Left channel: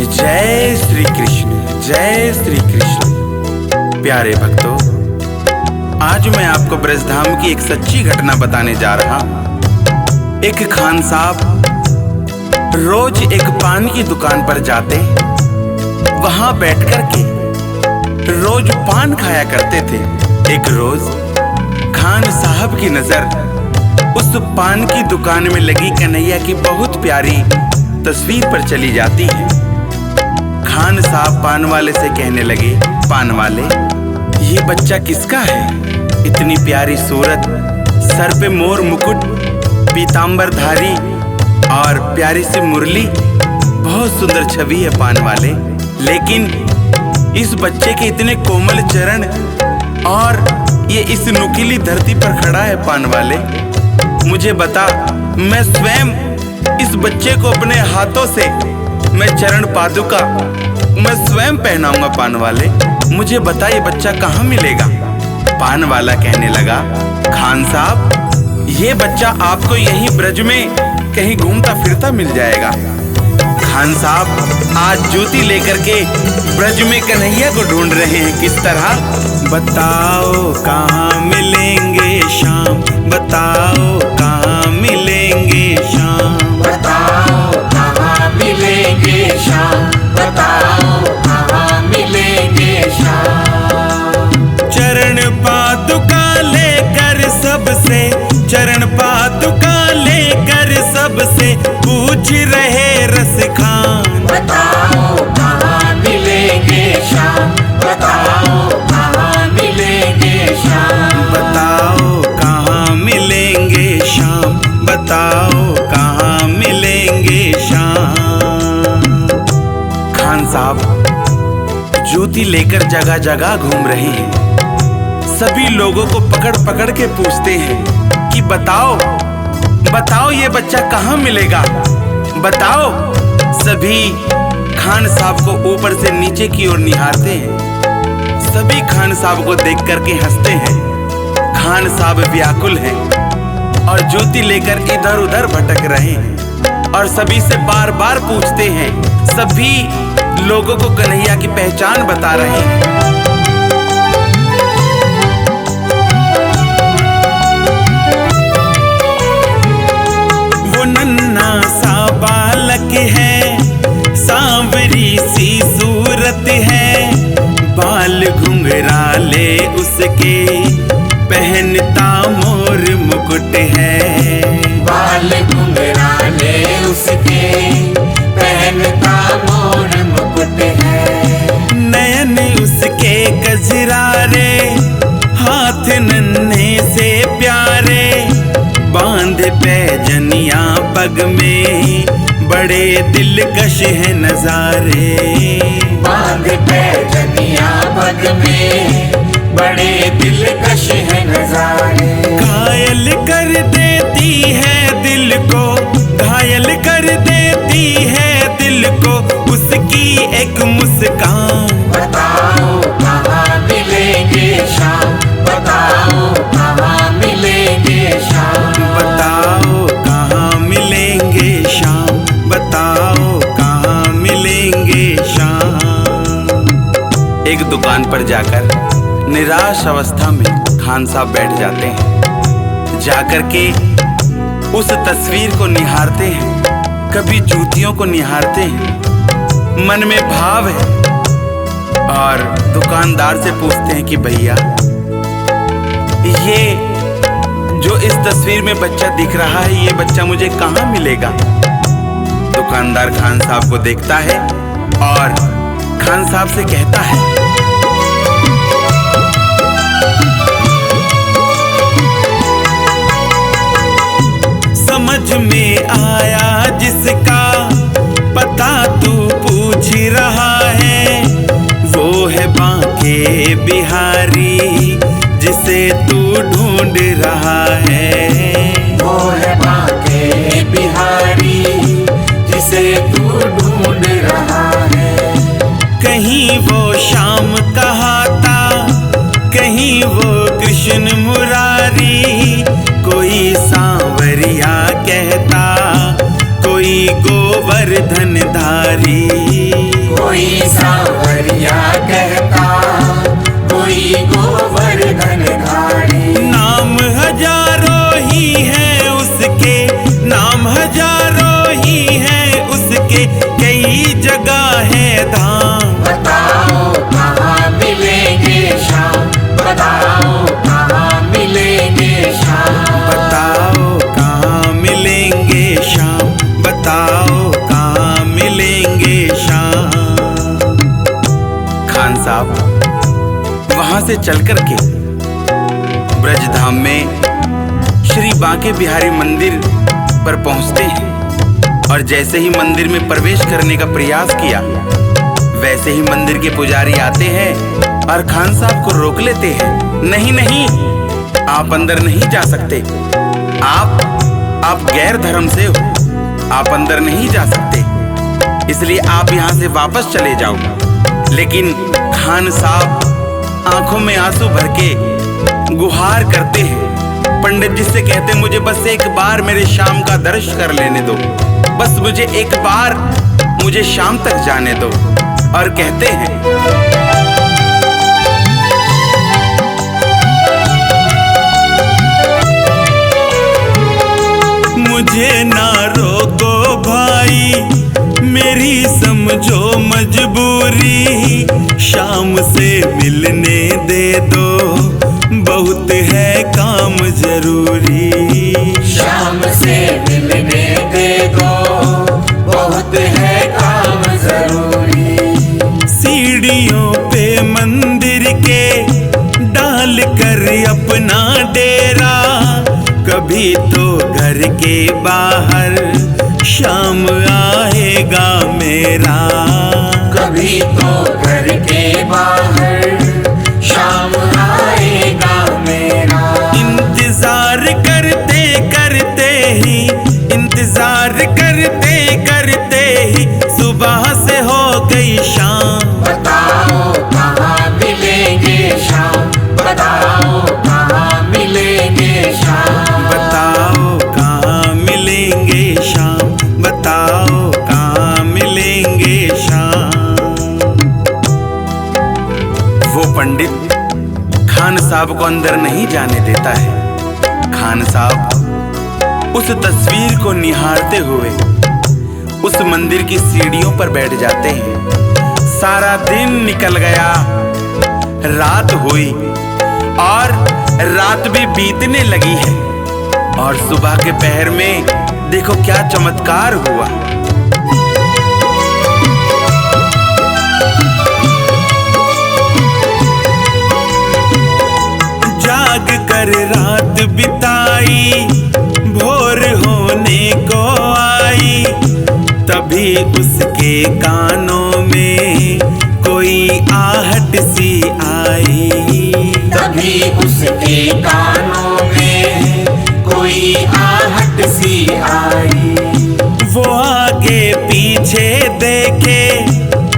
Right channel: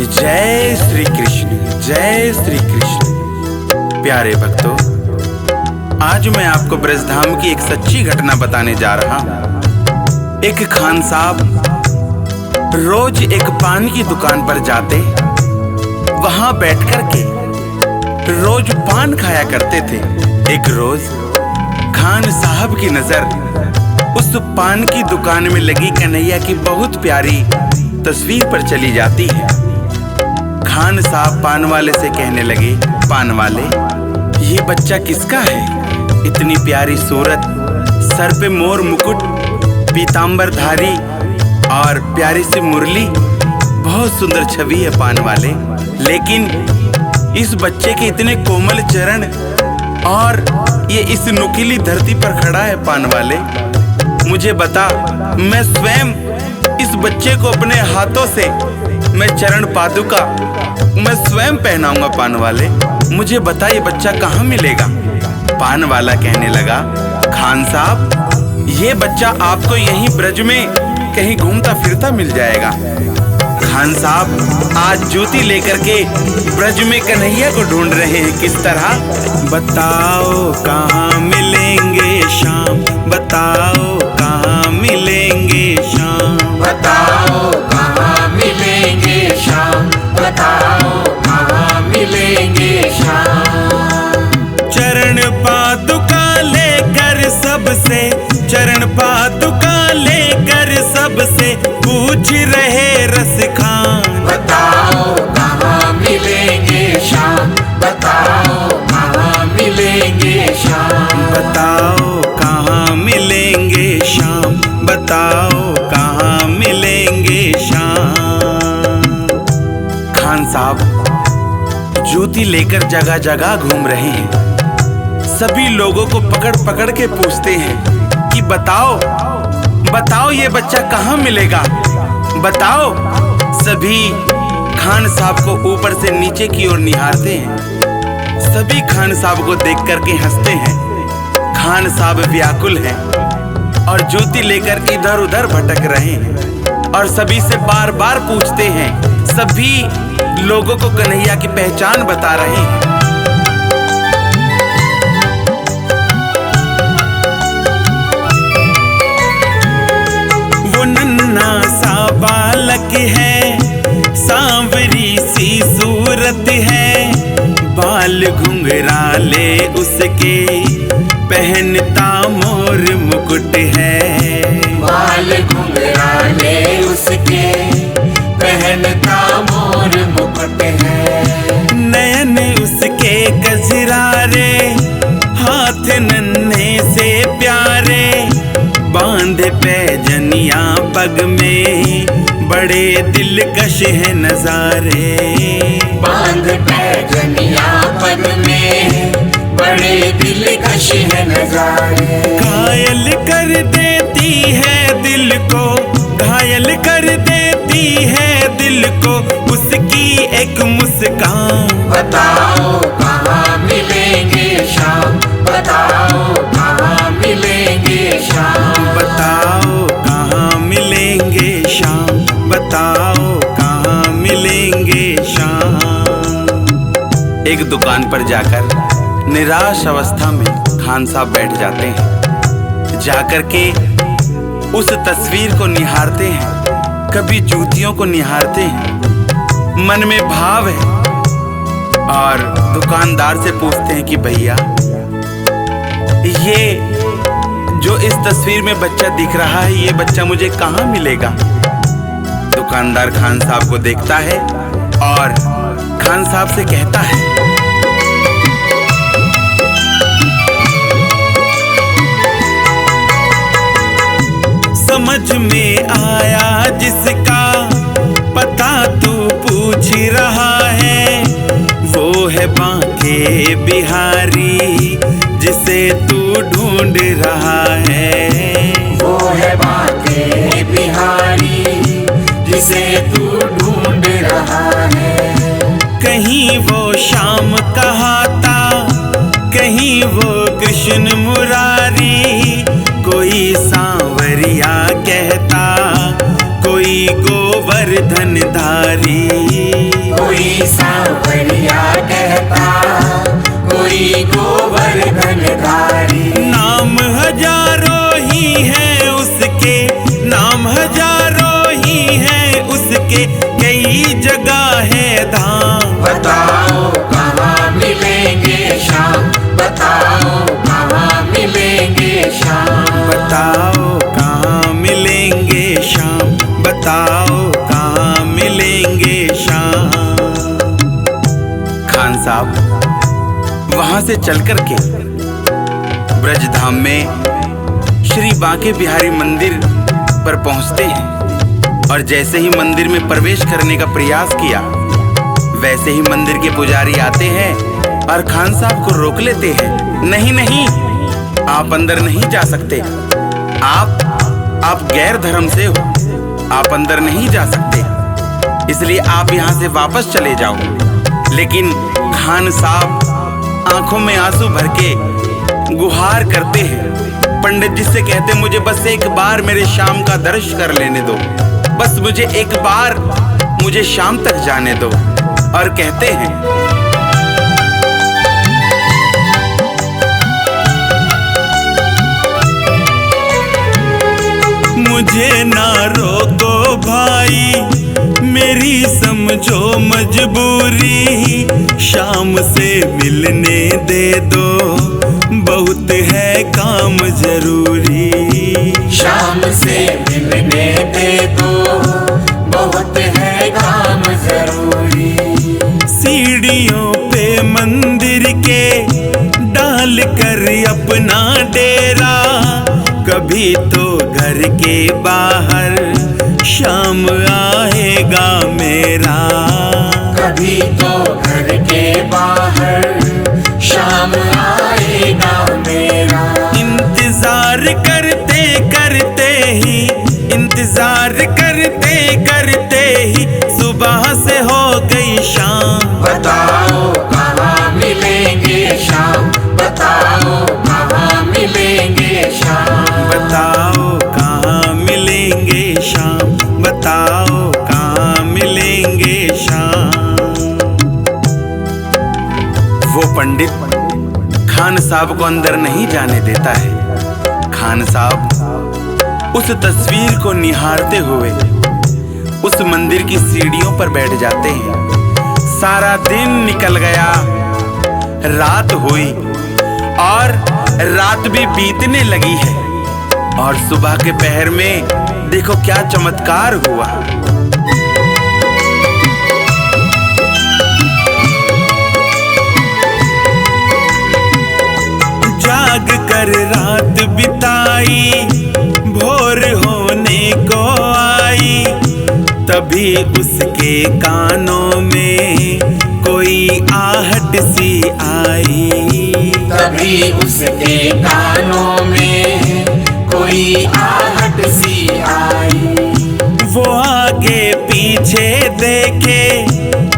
जय श्री कृष्ण, जय श्री कृष्ण। प्यारे भक्तों, आज मैं आपको ब्रजधाम की एक सच्ची घटना बताने जा रहा हूँ। एक खान साहब रोज एक पान की दुकान पर जाते, वहां बैठकर के रोज पान खाया करते थे। एक रोज खान साहब की नजर उस पान की दुकान में लगी कन्हैया की बहुत प्यारी तस्वीर पर चली जाती है। खान साहब पान वाले से कहने लगे, पान वाले, ये बच्चा किसका है? इतनी प्यारी सूरत, सर पे मोर मुकुट, पीतांबर धारी और प्यारी सी मुरली, बहुत सुंदर छवि है पान वाले। लेकिन इस बच्चे के इतने कोमल चरण और ये इस नुकीली धरती पर खड़ा है पान वाले, मुझे बता, मैं स्वयं इस बच्चे को अपने हाथों से मैं चरण पादुका मैं स्वयं पहनाऊंगा पान वाले। मुझे बता, ये बच्चा कहाँ मिलेगा? पान वाला कहने लगा, खान साहब, ये बच्चा आपको यहीं ब्रज में कहीं घूमता फिरता मिल जाएगा। खान साहब आज जूती लेकर के ब्रज में कन्हैया को ढूंढ रहे हैं। किस तरह? बताओ कहाँ मिलेंगे शाम, बताओ कहाँ मिलेंगे शाम, बताओ कहाँ मिलेंगे शाम, बताओ कहाँ मिलेंगे शाम। चरण पादुका लेकर सबसे, चरण पादुका लेकर सबसे पूछ रहे रस खान। बताओ कहाँ मिलेंगे शाम, बताओ कहाँ मिलेंगे शाम, बताओ कहाँ मिलेंगे शाम, बताओ कहाँ मिलेंगे शाम। खान साहब जूती लेकर जगह जगह घूम रहे हैं। सभी लोगों को पकड़ पकड़ के पूछते हैं कि बताओ बताओ ये बच्चा कहाँ मिलेगा, बताओ। सभी खान साहब को ऊपर से नीचे की ओर निहारते हैं। सभी खान साहब को देख करके हंसते हैं। खान साहब व्याकुल हैं और जूती लेकर इधर उधर भटक रहे हैं और सभी से बार बार पूछते हैं। सभी लोगों को कन्हैया की पहचान बता रहे हैं। वो नन्हा सा बालक है, सांवरी सी सूरत है, बाल घुंघराले उसके, पहनता मोर मुकुट है। बाल घुंघराले उसके, पहनता मोर मुकुट है। नयन उसके कजरारे, हाथ नन्हे से प्यारे, बांधे पैजनिया पग में, बड़े दिलकश है नजारे। बांधे पैजनिया पग में, बड़े दिलकश है नजारे। घायल कर देती है दिल को, घायल कर देती है दिल को उसकी एक मुस्कान। बताओ कहाँ मिलेंगे शाम, बताओ कहाँ मिलेंगे शाम, बताओ कहाँ मिलेंगे शाम, बताओ कहाँ मिलेंगे शाम। एक दुकान पर जाकर निराश अवस्था में खान साहब बैठ जाते हैं। जाकर के उस तस्वीर को निहारते हैं, कभी जूतियों को निहारते हैं। मन में भाव है और दुकानदार से पूछते हैं कि भैया, ये जो इस तस्वीर में बच्चा दिख रहा है, ये बच्चा मुझे कहाँ मिलेगा? दुकानदार खान साहब को देखता है और खान साहब से कहता है, समझ में आया जिसका पता तू पूछ रहा है, वो है बांके बिहारी जिसे तू ढूंढ रहा है। वो है बांके बिहारी जिसे तू ढूंढ रहा है। कहीं वो श्याम कहाता, कहीं वो कृष्ण मुरारी, कोई सांवरिया कहता, कोई कोई गोवर्धन धारी। कोई सांवरिया कहता, कोई गोवर्धन धारी। नाम हजारों ही है उसके, नाम हजारों ही है उसके, कई जगह है धाम। बताओ कहाँ मिलेंगे श्याम, बताओ कहाँ मिलेंगे श्याम। बताओ कहाँ मिलेंगे श्याम, बताओ कहाँ मिलेंगे श्याम। खान साहब वहां से चल कर के ब्रजधाम में श्री बांके बिहारी मंदिर पर पहुंचते हैं और जैसे ही मंदिर में प्रवेश करने का प्रयास किया, वैसे ही मंदिर के पुजारी आते हैं और खान साहब को रोक लेते हैं। नहीं नहीं, आप अंदर नहीं जा सकते, आप गैर धर्म से हो, आप अंदर नहीं जा सकते, इसलिए आप यहाँ से वापस चले जाओ। लेकिन खान साहब आंखों में आंसू भर के गुहार करते हैं। पंडित जी से कहते, मुझे बस एक बार मेरे शाम का दर्शन कर लेने दो, बस मुझे एक बार, मुझे शाम तक जाने दो। और कहते हैं, मुझे ना रोको भाई, मेरी समझो मजबूरी, शाम से मिलने दे दो, बहुत है काम जरूरी। शाम से मिलने दे दो, बहुत है काम जरूरी। सीढ़ियों पे मंदिर के डाल कर अपना डेरा, कभी तो घर के बाहर शाम आएगा मेरा। कभी तो घर के बाहर शाम आएगा मेरा। इंतजार करते करते ही, इंतजार करते करते ही सुबह से हो गई शाम। बताओ कहाँ मिलेंगे श्याम, बताओ कहाँ मिलेंगे श्याम। बताओ कहाँ मिलेंगे शाम, बताओ कहाँ मिलेंगे शाम। वो पंडित खान साहब को अंदर नहीं जाने देता है। खान साहब उस तस्वीर को निहारते हुए उस मंदिर की सीढ़ियों पर बैठ जाते हैं। सारा दिन निकल गया, रात हुई और रात भी बीतने लगी है और सुबह के पहर में देखो क्या चमत्कार हुआ। जाग कर रात बिताई, भोर होने को आई, तभी उसके कानों में कोई आहट सी आई। तभी उसके कानों में कोई आहट सी आई। वो आगे पीछे देखे,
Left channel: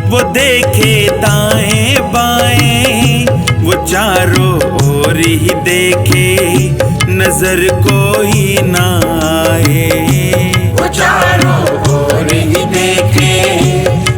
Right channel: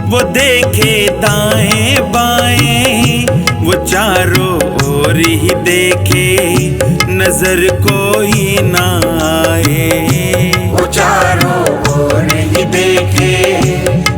वो देखे दाएं बाएं, वो चारों ओर ही देखे, नजर कोई ना आए। वो चारों ओर ही देखे,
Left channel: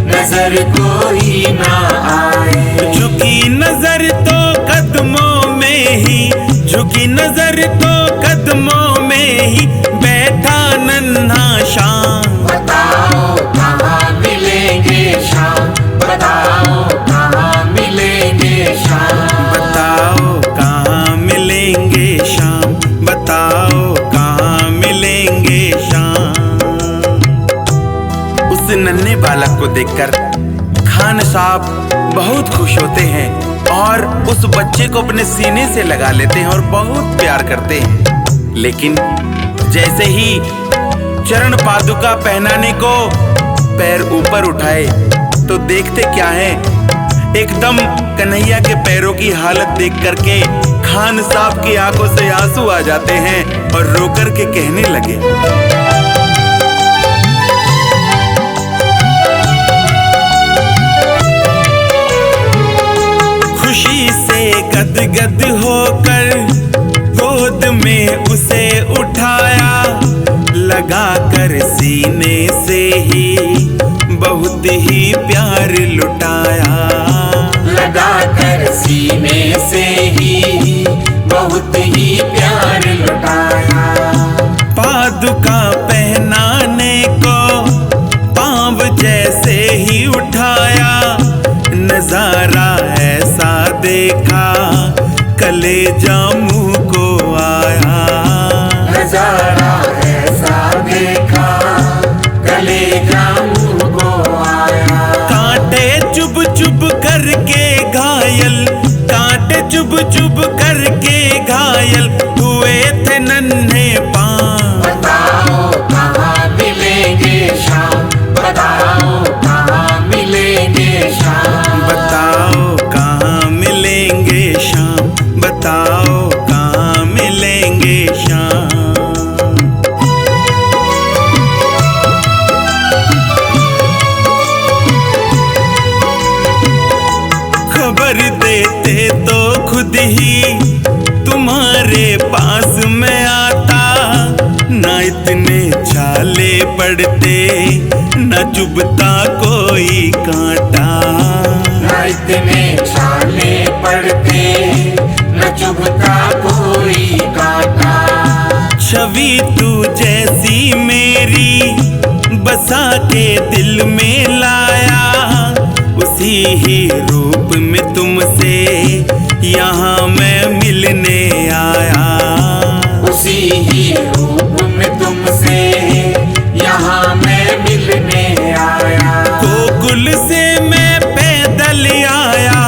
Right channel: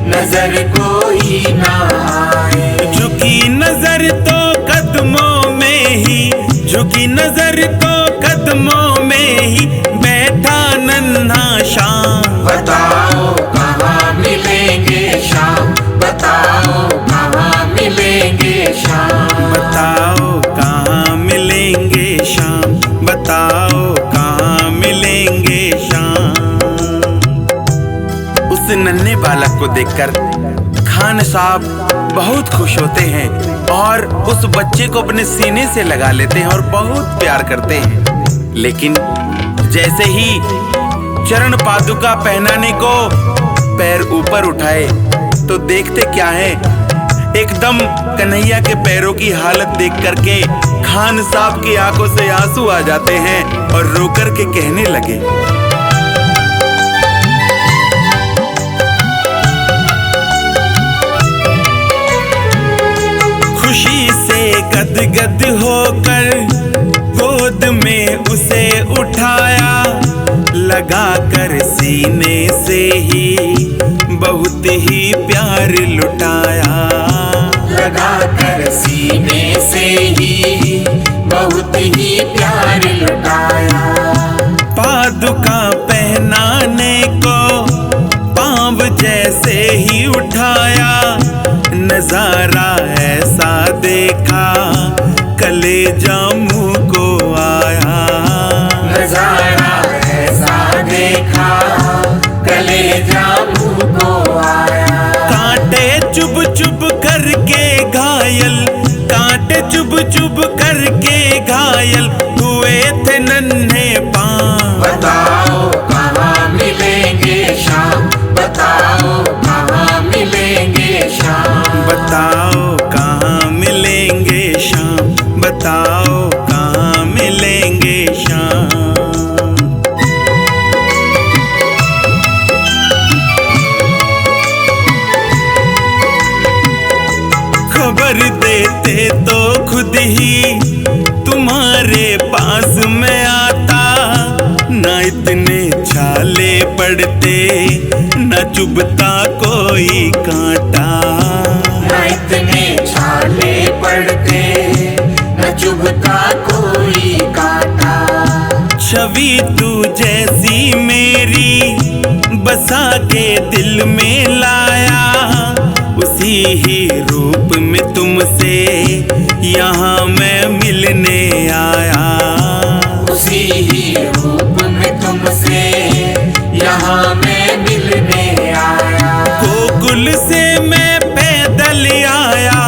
नजर कोई ना आए। झुकी नजर तो कदमों में ही, झुकी नजर तो कदमों में ही बैठा नन्हा शाम। बताओ कहाँ मिलेंगे श्याम, बताओ कहाँ मिलेंगे श्याम। बताओ कहाँ मिलेंगे शाम, बताओ कहाँ मिलेंगे शाम। उस नन्हे बालक को देखकर खान साहब बहुत खुश होते हैं और उस बच्चे को अपने सीने से लगा लेते हैं और बहुत प्यार करते हैं। लेकिन जैसे ही चरण पादुका पहनाने को पैर ऊपर उठाए तो देखते क्या है, एकदम कन्हैया के पैरों की हालत देख करके खान साहब की आंखों से आंसू आ जाते हैं और रो कर के कहने लगे, खुशी से गदगद होकर गोद में उसे उठाया, लगा कर सीने से ही बहुत ही प्यार लुटाया, लगा कर सीने से ही बहुत ही प्यार लुटाया। पादुका पहनाने को पाँव जैसे ही उठाया, नजारा ऐसा देखा कलेजा मुँह को आया, नजारा ऐसा देखा कलेजा मुँह को आया। कांटे चुभ चुभ करके घायल, कांटे चुभ चुभ करके घायल हुए थे नन्हे पाँव। बताओ कहाँ मिलेंगे शाम, बताओ कहाँ मिलेंगे शाम, बताओ कहाँ मिलेंगे शाम, बताओ कहाँ मिलेंगे शाम। खबर देते तो खुद ही तुम्हारे पास में आता, ना इतने छाले पड़ते ना चुभता कोई कांटा, ना इतने छाले पड़ते न चुभता कोई कांटा। छवि तू जैसी मेरी बसा के दिल में लाया, उसी ही रूप में तुमसे यहाँ मैं मिलने आया, उसी ही रूप में तुमसे यहाँ मैं मिलने आया। गोकुल से मैं पैदल आया,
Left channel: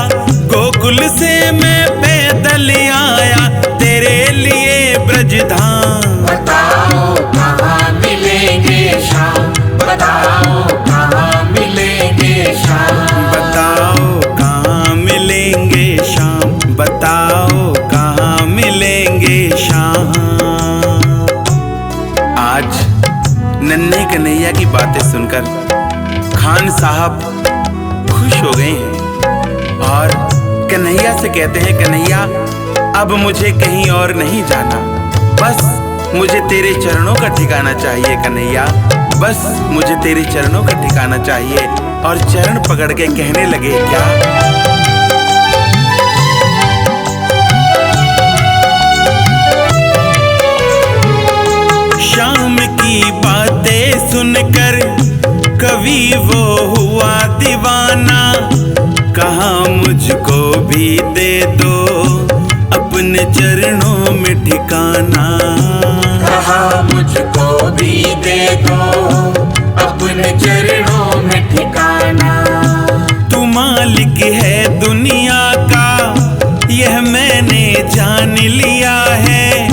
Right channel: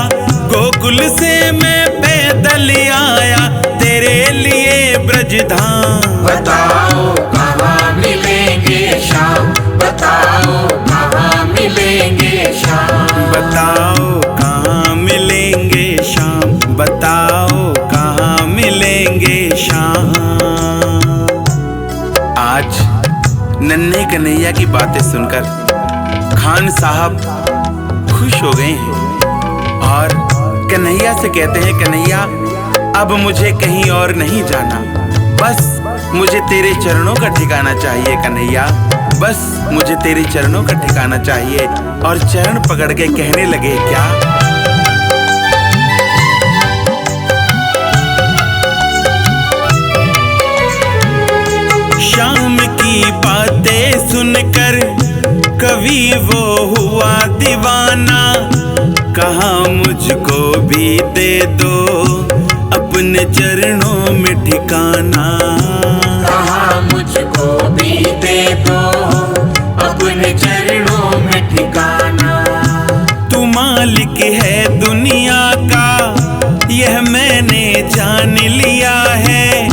गोकुल से मैं पैदल आया तेरे लिए ब्रजधाम। बताओ कहाँ मिलेंगे शाम, बताओ कहाँ मिलेंगे शाम, बताओ कहाँ मिलेंगे शाम, बताओ कहाँ मिलेंगे शाम। आज नन्हे कन्हैया की बातें सुनकर खान साहब खुश हो गए हैं और कन्हैया से कहते हैं, कन्हैया अब मुझे कहीं और नहीं जाना, बस मुझे तेरे चरणों का ठिकाना चाहिए कन्हैया, बस मुझे तेरे चरणों का ठिकाना चाहिए। और चरण पकड़ के कहने लगे क्या, शाम की बातें सुनकर कवि वो हुआ दीवाना, कहा मुझको भी दे दो अपने चरणों में ठिकाना, कहाँ मुझको भी दे दो अपने चरणों में ठिकाना। तू मालिक है दुनिया का यह मैंने जान लिया है,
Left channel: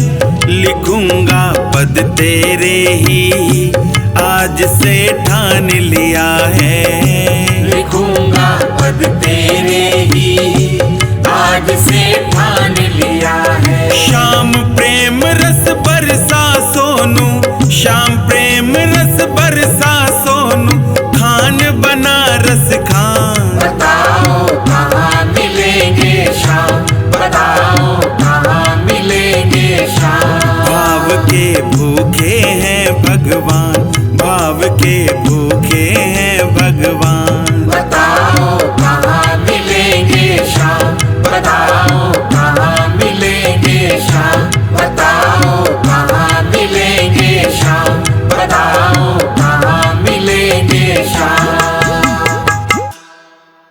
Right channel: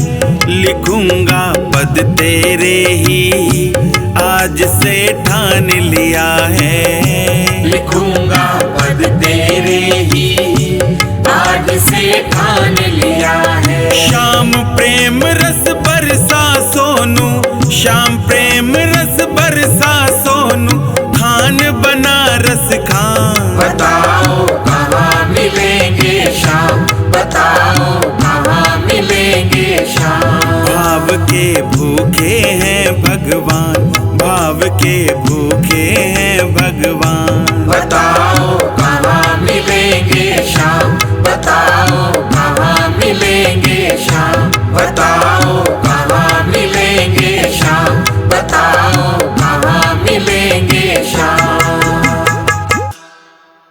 लिखूंगा पद तेरे ही आज से ठान लिया है, लिखूंगा पद तेरे ही आज से ठान लिया है। श्याम प्रेम रस बरसा सोनू, श्याम प्रेम रस बरसा सोनू, खान बनारस खान। बताओ कहाँ मिलेंगे शाम, बताओ कहाँ मिलेंगे शाम। भाव के भूखे हैं भगवान, भाव के भूखे हैं भगवान।